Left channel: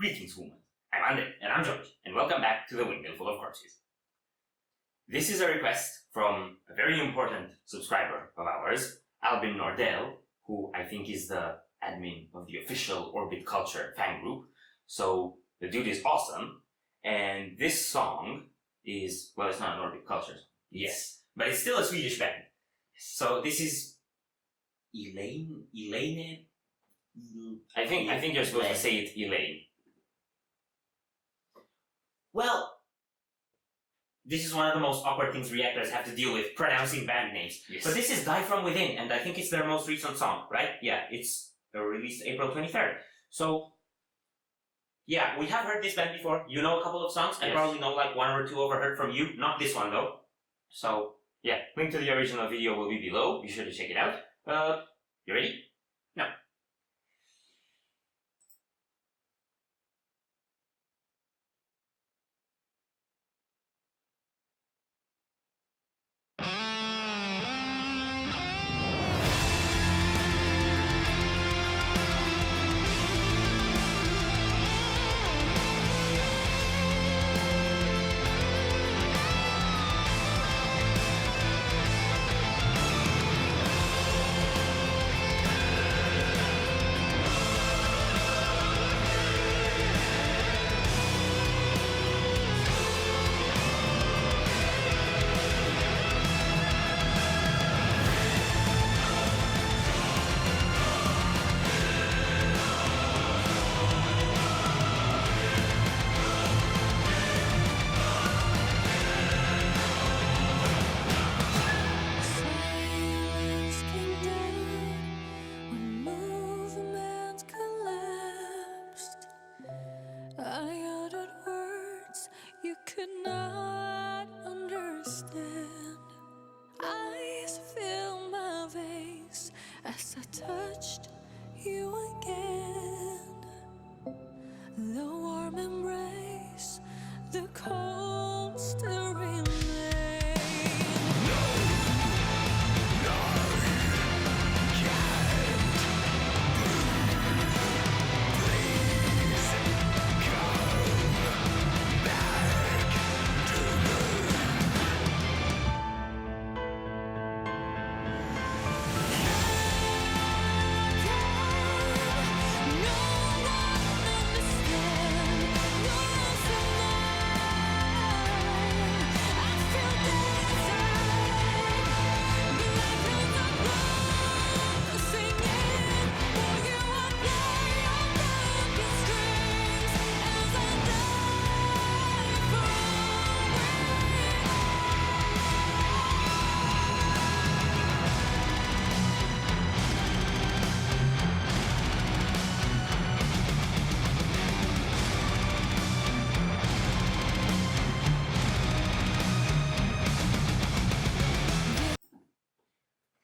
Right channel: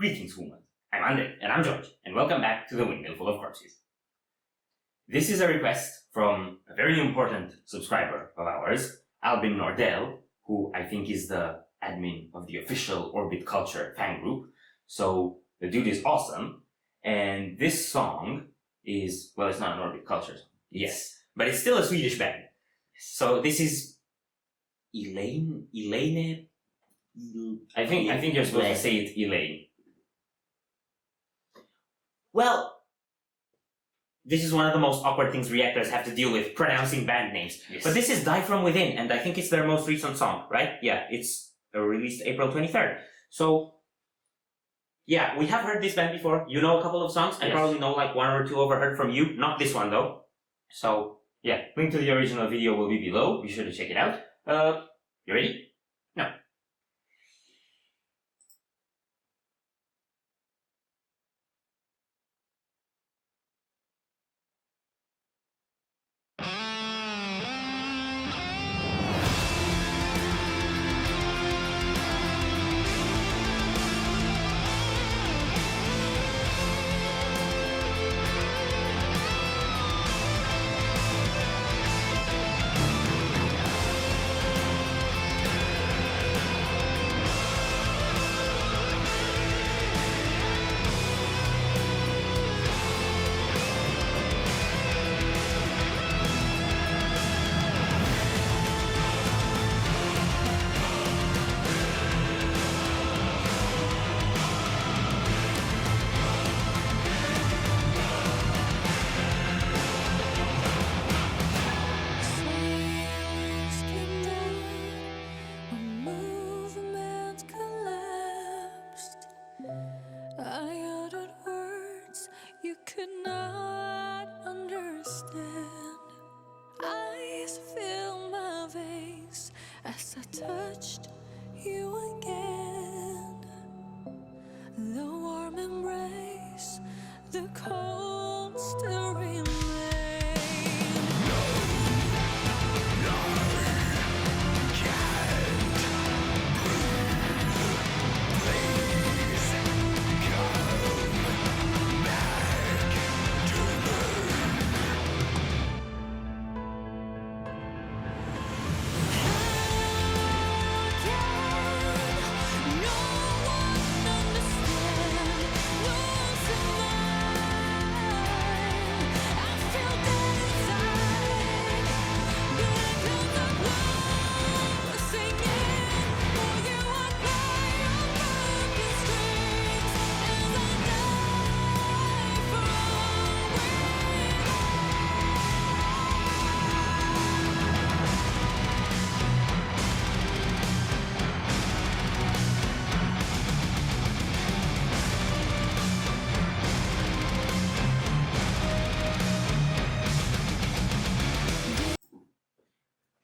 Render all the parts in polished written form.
Greetings, humans. I'm Andre, and I'm George, and welcome back to the Windmill full of corpses. This is a request from a very important subscriber of ours, Albin Nordell, who I think is the admin of the official Orbit Culture fan group. So the dude is awesome, and this song is, well, it's not an Orbit Culture song. Yes, but it's still a Swedish band. So this is Eleine. I think you're supposed to say it Eleine. Well, this is one of the most awkward things reactors have to deal with, pronouncing band names. Yes. But this is Die From Within, and I think it's their most recent song, right? Yeah, it's released April 23rd. So, yeah, we have heard this band before. You know a couple of songs. I probably know like one or two overheard from you. Not this one, though. So, yeah, link to the original video will be below. Be sure to check it out. You ready? No. I uttered words you could not understand. Eyes filled my face as I touched you again. The warm embrace, the cold still remained.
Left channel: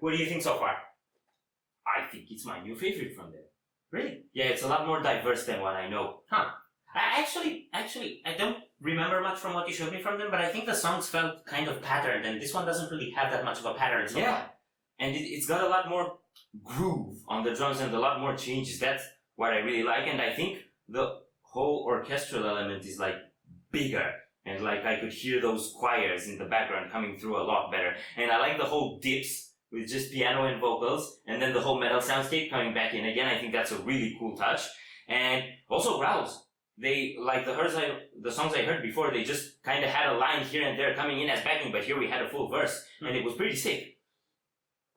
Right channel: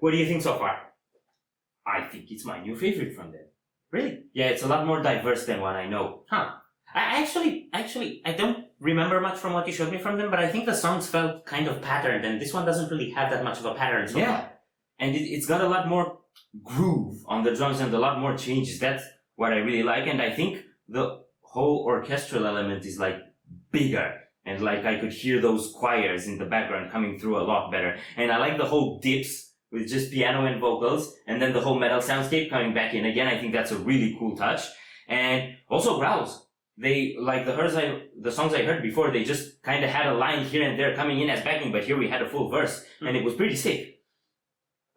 What do you think so far? I think it's my new favorite from them. Really? Yeah, it's a lot more diverse than what I know. Huh. I don't remember much from what you showed me from them, but I think the songs felt kind of patterned, and this one doesn't really have that much of a pattern so far. And it's got a lot more groove on the drums and a lot more changes. That's what I really like, and I think the whole orchestral element is like bigger. And like I could hear those choirs in the background coming through a lot better. And I like the whole dips with just piano and vocals, and then the whole metal soundscape coming back in again. I think that's a really cool touch. And also growls. They, like the songs I heard before, they just kind of had a line here and there coming in as backing, but here we had a full verse, and it was pretty sick.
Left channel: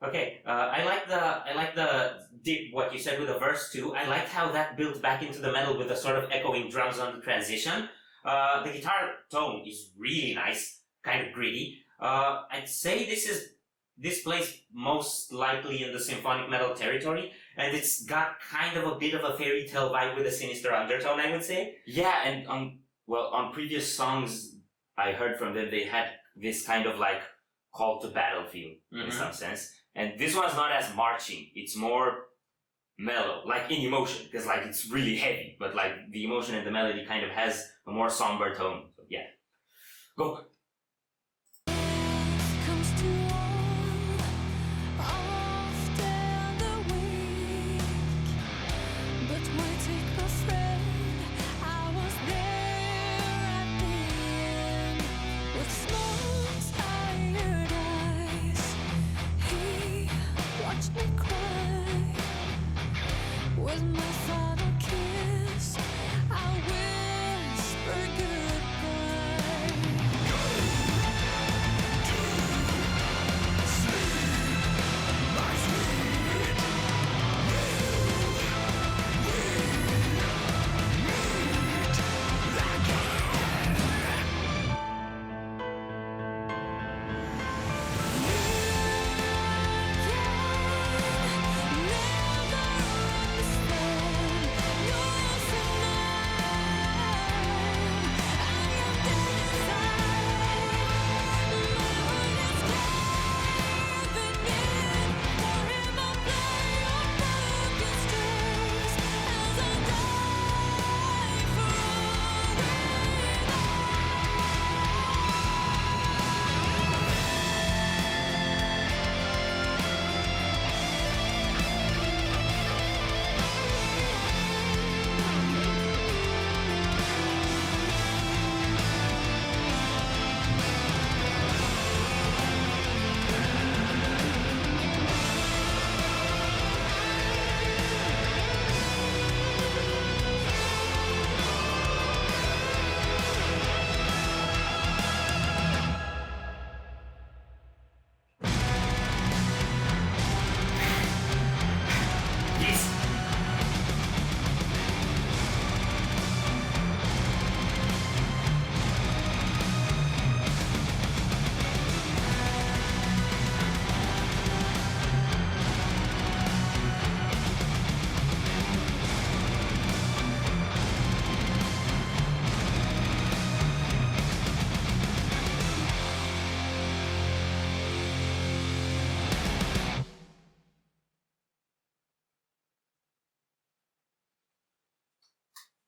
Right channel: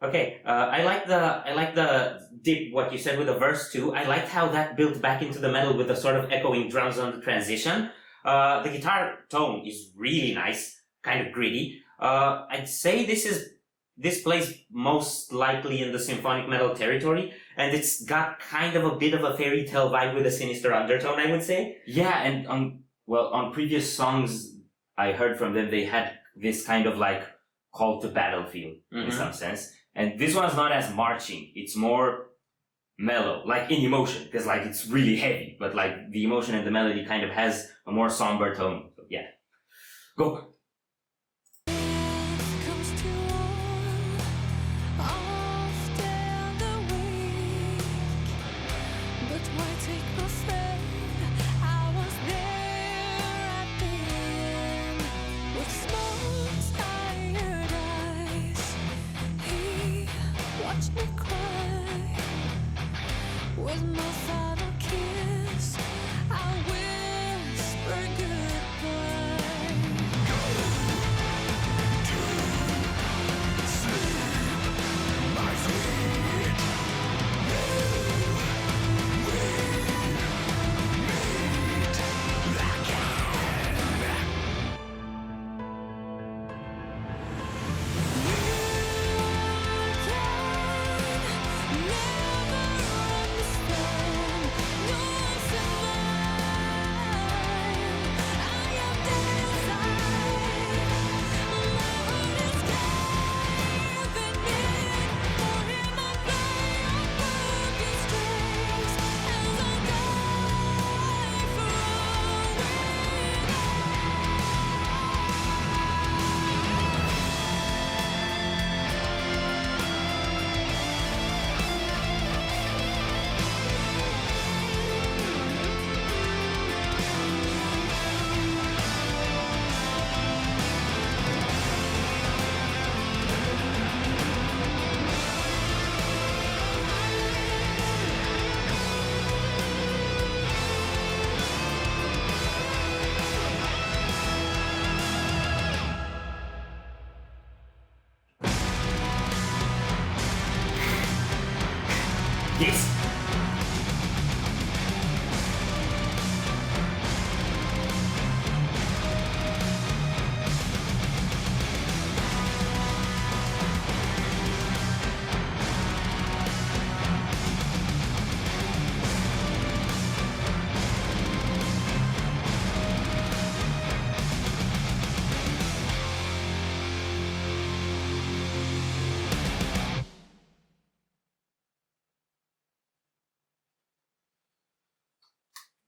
Okay, I like the dip, what you said with the verse too. I liked how that built back into the metal with the sort of echoing drums on the transition. The guitar tone is really nice, kind of gritty. I'd say this plays most likely in the symphonic metal territory, and it's got kind of a bit of a fairy tale vibe with a sinister undertone, I would say. Yeah, and on previous songs I heard from them, they had this kind of like call to battle feel in some sense. And this one's not as marching. It's more mellow, like in emotion, because like it's really heavy, but like the emotion and the melody kind of has a more somber tone. So yeah. Go. But why take my friend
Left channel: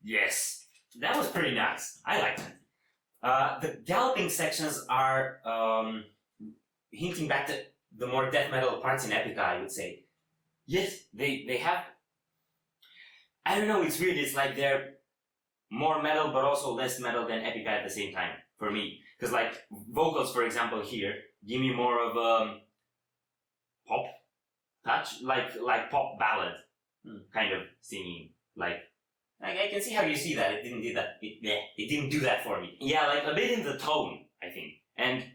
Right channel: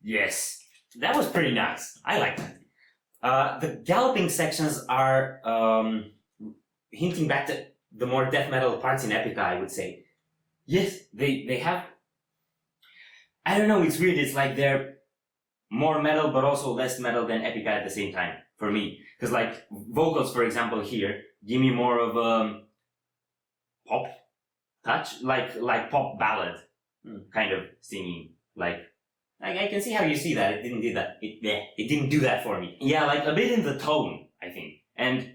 Yes, that was pretty nice. I liked it. The galloping sections are hinting back to the more death metal parts in Epica, I would say. Yes, they have. I don't know. It's weird. It's like they're more metal, but also less metal than Epica at the same time for me. Because like vocals, for example, here give me more of a pop touch, like pop ballad kind of singing. Like I can see how you see that. It didn't do that. It didn't do that for me. Yeah, like a bit in the tone, I think. And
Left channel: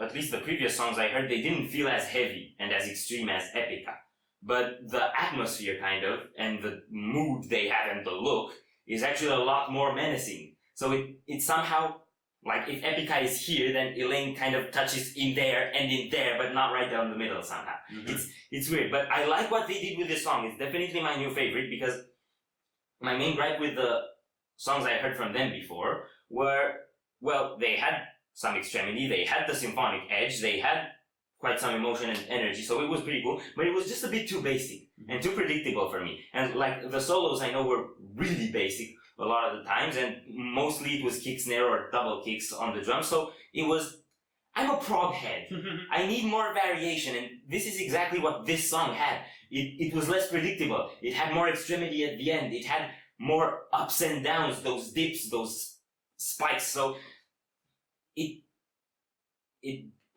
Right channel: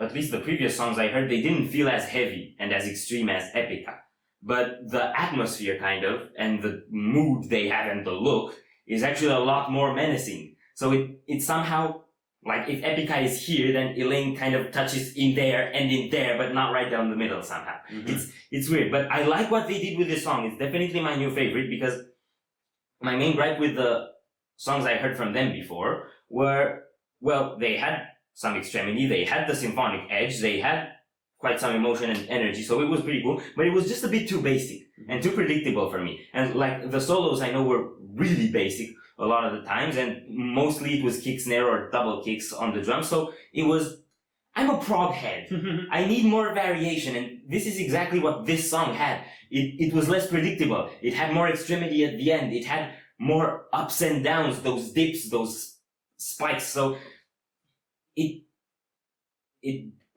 at least the previous songs I heard, they didn't feel as heavy and as extreme as Epica. But the atmosphere kind of, and the mood they have and the look is actually a lot more menacing. So it somehow, like if Epica is here, then Eleine kind of touches in there and in there, but not right down the middle somehow. Mm-hmm. It's weird, but I like what they did with this song. It's definitely my new favorite because my main gripe with the songs I heard from them before were, well, they had some extremity, they had the symphonic edge, they had quite some emotion and energy, so it was pretty cool, but it was just a bit too basic and too predictable for me. And like the solos I know were really basic a lot of the times, and mostly it was kick, snare, or double kicks on the drums, so it was, I'm a prog head. I need more variation, and this is exactly what this song had. It was less predictable. It had more extremity at the end. It had more ups and downs, those dips, those spikes, so it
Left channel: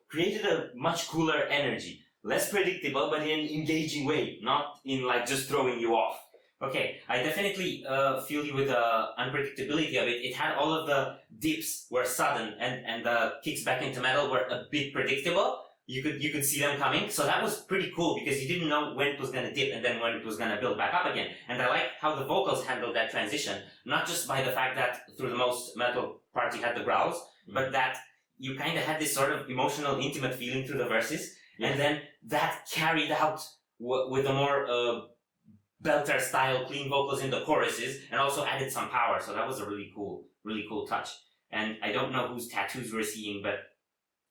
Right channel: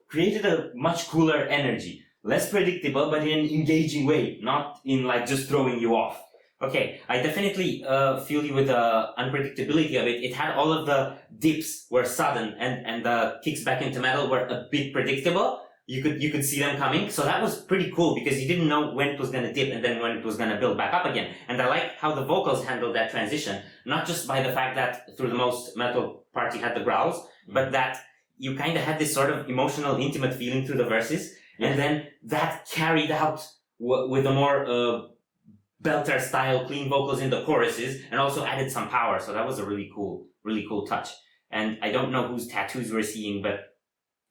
created a much cooler energy. Less predictable, but in an engaging way, not in like just throwing you off. Okay, I definitely feel you with the unpredictability of it. It had all of the dips were sudden, and the kicks back into metal were a bit predictable. You could see them coming, so that was pretty cool because you didn't know when it was gonna dip and then when it was gonna build back up again. And I like how the vocals handled that transition, not just by the fact that through the most metal part you had the growls, but that you kind of had this sort of emotional, intimate feeling through the verses, and then that carried out with a more belter style clean vocals in the choruses, and also added some power. So that was a really cool touch. And I don't know whose tattoos we're seeing, but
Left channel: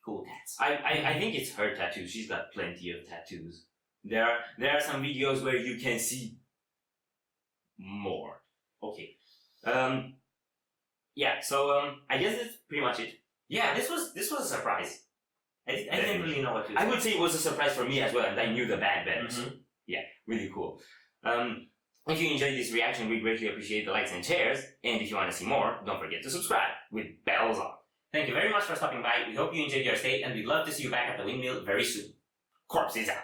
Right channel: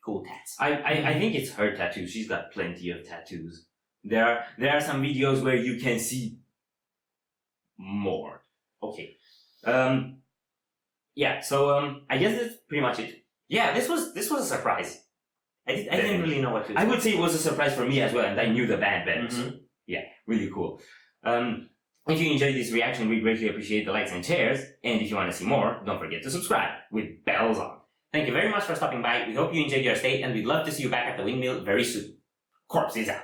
cool tats. I think it's her tattoos. She's got plenty of tattoos. There are some videos where you can see more. Okay. Yeah. So I guess that's pretty much it. Yeah, this was a surprise. I didn't really know what to expect. I would say it was a surprise for me as well, and I knew the band better. Mm-hmm. So yeah, really cool. If you enjoyed this reaction, we greatly appreciate the likes and shares. And if you want to see more, don't forget to subscribe with bells on. Thank you very much for stopping by. We hope you enjoyed your stay, and we'd love to see you back at the Windmill very soon. Corpse is out.